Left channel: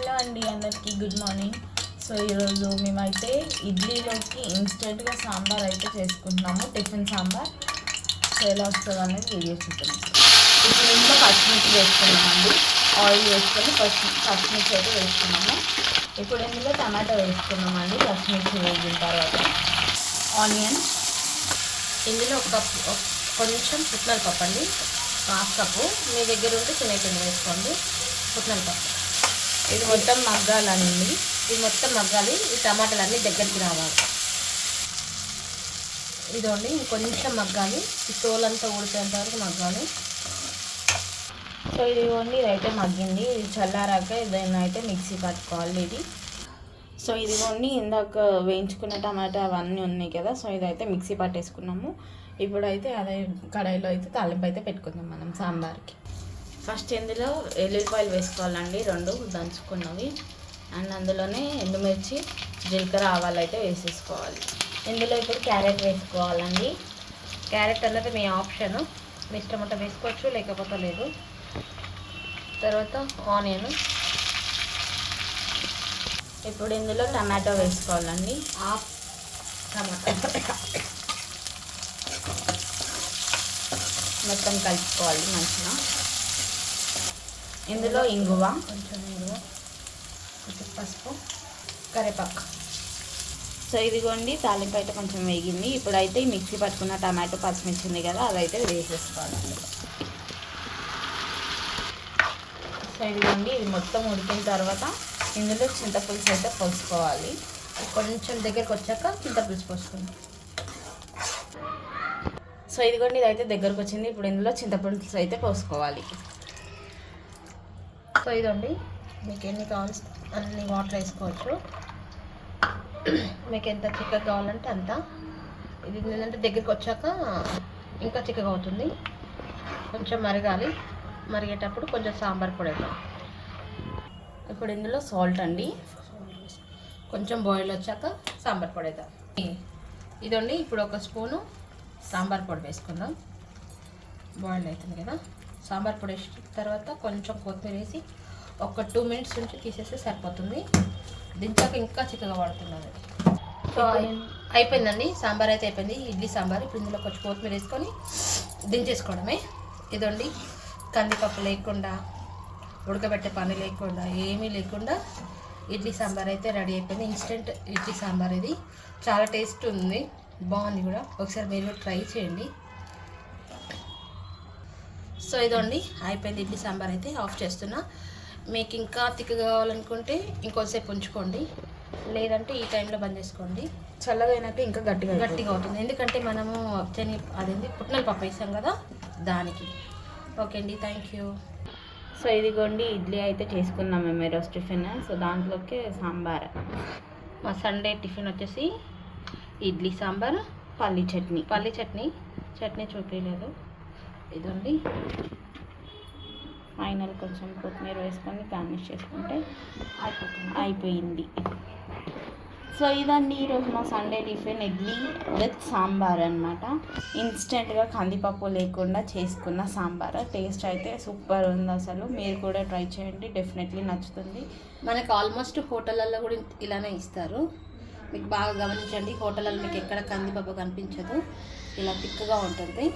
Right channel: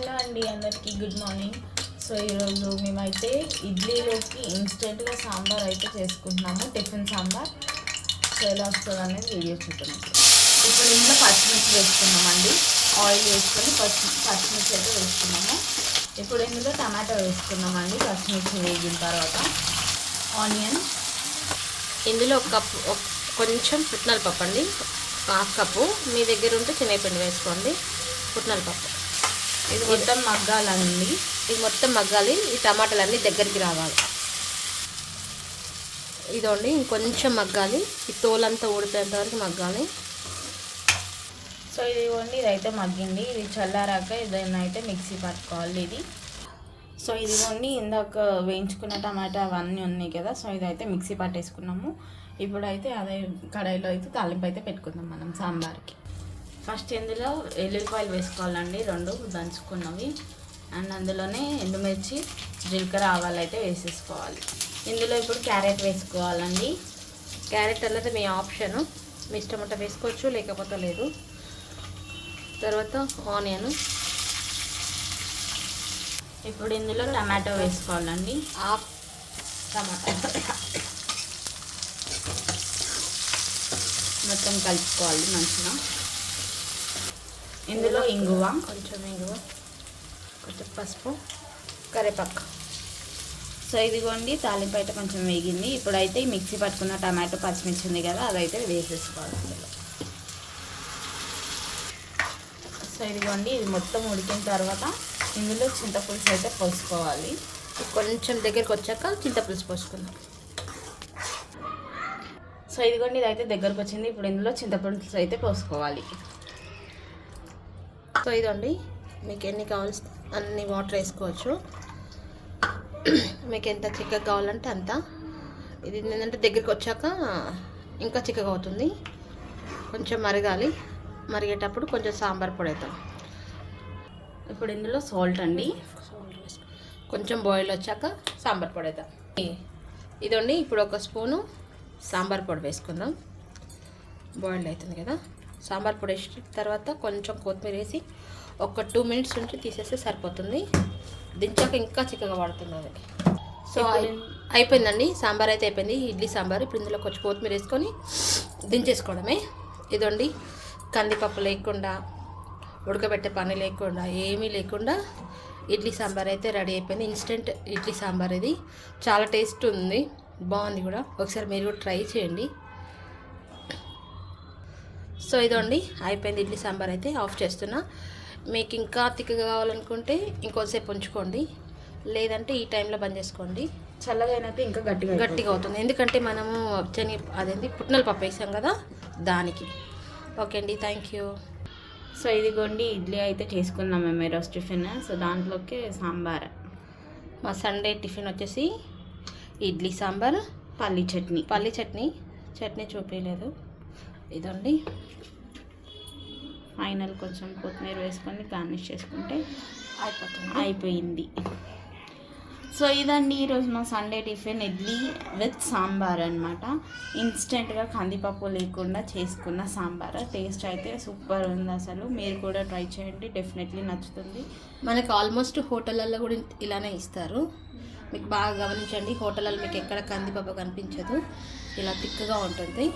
Hello అండి అందరికీ good morning. So ఈరోజు మేమైతే ఇడ్లీలోకి ఇన్స్టెంట్గా సాంబార్ అయితే చేసుకుంటున్నాము టిఫిన్ సాంబార్. సో ఎలా వస్తుంది అనేది వీడియో చూద్దాం. ఇప్పుడు ఇంట్లో పచ్చిమిర్చి వేసుకున్నామండి ఆయిల్ వేసుకొని పచ్చి పచ్చిమిర్చి అయితే వేసుకున్నాము. ఇప్పుడు ఇందులో టమాటో వేసుకున్నామండి పచ్చిమిర్చి వేగిన తర్వాత. ఆనియన్. ఇందులో ఒక కప్పు ఒక- కొంచెం పుట్నాలు పప్పు అండి. Half cup. మీ దగ్గర ఉంటే శనగపిండి వేసుకోండి. పుట్నాలు పప్పు. ఇది మొత్తం మగ్గాలండి ఇది మొత్తం మగ్గాలి ఈ టమాటాలు అన్నీ దగ్గరికి రావాలి. ఇదండి ఇంకొంచెం మగ్గాలి ఈ తోలంతా ఊడిపోయేంత వరకు మగ్గాలి. సో ఇది ఇవ్వండి ఇదైతే మగ్గింది. ఇది చల్లారాక ఇదైనా అయితే మిక్సీ పట్టుకోవాలి ఇది. సో ఇది ఇవ్వండి ఇందాక వేయించుకున్న టమాటా అవన్నీ ఉన్నాయి కదా సో ఇదైతే మిక్సీ పట్టేసుకున్నాము. ఇప్పుడైతే అదే కడాయిలో అయితే తాలింపు అయితే పెట్టుకుందాం మనం సాంబార్కి. ఫస్ట్ ఇందులో ఎల్లుల్లిపాయలు వేసుకోవాలండి. రెండు దంచుకున్నవి. అండ్ అందులోనే ఎండుమిర్చి జీలకర్ర ఆవాలు అయితే వేసేసుకోవాలి. ఇందులో ఇప్పుడు క్యారెట్ వేసుకోవాలండి. క్యారెట్ అన్నది మీ ఆప్షన్. మీ ఇష్టం ఉంటే వేసుకోవచ్చు లేకపోతే లేదు. తర్వాత ఆనియన్. ఇప్పుడు ఇందులో టమాటో వేసుకోవాలండి. Half tomato. మొత్తం కలుపుకోవాలి మంచిగా. ఇందులో ఇంగువ. కొంచెం ఇంగువ. కొంచెం పసుపు. కరివేపాకు. సో ఇదిగోండి తాలింపు అయితే కొంచెం వేగింది. ఇప్పుడైతే ఈ మిక్సీ పట్టుకున్న టమాటో పచ్చిమిర్చి ఉంది కదా అదైతే వేసేసుకోవాలి అందులో. సో ఇదిగోండి ఇది మొత్తం ఉడికిన తర్వాత ఇందులో చింతపులుసు అయితే పోసుకోవాలి. కొంచెం దగ్గరికి వచ్చాక చింతపులుసు పోసుకుందాం. సో ఇదిగోండి ఇదైతే దగ్గరకు వచ్చింది. ఇప్పుడు ఇందులో చింతపులుసు అయితే పోసుకోవాలి. సో ఇదండి. మీకు ఎన్ని కావాల్సి అన్ని వాటర్ వేసుకోవచ్చు. మీకు ఎంత చిక్కగా కావాలంటే అంత. ఇది ఏంటంటే దగ్గరికి వచ్చాక ఇంకా చిక్కగా అవుతుంది. కొంచెం మరగాలి. మరిగేటప్పుడు కొంచెం సాంబార్ పొడి వేద్దాం. ఇప్పుడు ఇందులో సాల్ట్ అండి. కొంచెం బాయిల్ వచ్చాక సాంబార్ పొడి వేద్దాం. ఇదండి ఇప్పుడు ఒక స్పూను సాంబార్ పొడి వేసుకుందాం. బాయిల్ అవుతుంది కదా. సాంబార్ పొడి వేసిన తర్వాత కొంచెం కొత్తిమీర వేసి ఒక టూ మినిట్స్ ఉంచి తీసేస్తే సరిపోతుంది. దించాక ఇంకా చిక్కగా పడుతుంది సో అయి- అయిపోయిందండి. సాంబార్ అయితే అయిపోయింది. ఇడ్లీ సాంబార్. ఇప్పుడు ఇందులో కొంచెం కొత్తిమీర వేసుకొని దించేసుకోవడమే. ఇదండి. కందిపప్పు లేకుండా ఉడకబెట్టే పని లేకుండా ఏమీ లేకుండా ఇడ్లీ సాంబార్ అయితే రెడీ అయిపోయింది. ఇన్స్టెంట్ ఇడ్లీ సాంబార్ ఇది. చాలా టేస్ట్ ఉంది. బాగుంది కూడా. ఒకసారి మీరు కూడా ట్రై చేయండి. సో ఇదండి అయిపోయింది ఇడ్లీ సాంబార్ అయితే ఆఫ్ చేస్తున్నా. మీకు ఇంకా తిక్కగా కావాలనుకుంటే ఇంకొంతసేపు ఉంచుకోండి. లేదంటే ఈ టైంలో బంద్ చేసుకోండి. చల్లగా అయినాక ఇంకా గట్టిగా గట్టిగా అవుతుంది. ఎందుకంటే మనము శని అదేంటి పుట్నల పప్పు వేసాం కదా దానికి. ఓకే అండి థ్యాంక్ యూ. సో ఇదిగోండి ఇడ్లీ అయితే చేసుకున్నాం మేము ఈరోజు టిఫిన్. సో దాంట్లోకి సాంబార్. మా సండే టిఫిన్ వచ్చేసి ఇడ్లీ సాంబార్ పల్లి చట్నీ. పల్లి చట్నీ. చట్నీ చూపించలేదు ఇదండి. ఫైనల్ కొంచెం కొత్తిమీర వేసుకొని గార్నిష్ చేసుకుంటే అయిపోతుంది. అయిపోయింది. సో ఇదండి ఈరోజు మా Sunday tiffin idli with sambar అనమాట ఇన్స్టెంట్గా కందిపప్పు లేకుండా చేసుకున్న సాంబార్. టేస్ట్ అయితే సూపర్ ఉంది అసలు. మీరు కూడా ట్రై చేయండి డెఫినెట్లీ నచ్చుతుంది. మనకు ఆల్మోస్ట్ హోటళ్ళల్లో కూడా ఇలానే ఇస్తారు. మీకు బాగా గమనించండి హోటళ్ళలో మీకు ఎక్కడ కందిపప్పు కనిపించదు. ఇలా తిక్కగా ఉంటుంది.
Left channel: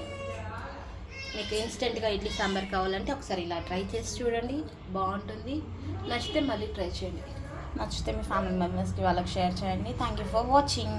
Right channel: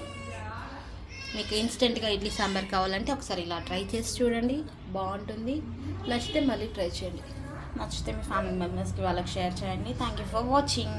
మీకు ఇన్స్టెంట్గా ఇడ్లీ సాంబార్ కావాలంటే ఒకసారి ఇలా ట్రై చేసి చూడండి. బాగుంటుంది. నచ్చితే మళ్ళీ ట్రై చేయండి. నచ్చితే మీ ఫ్యామిలీ మెంబర్స్కి వాళ్ళకి షేర్ చేయండి. Thank you for watching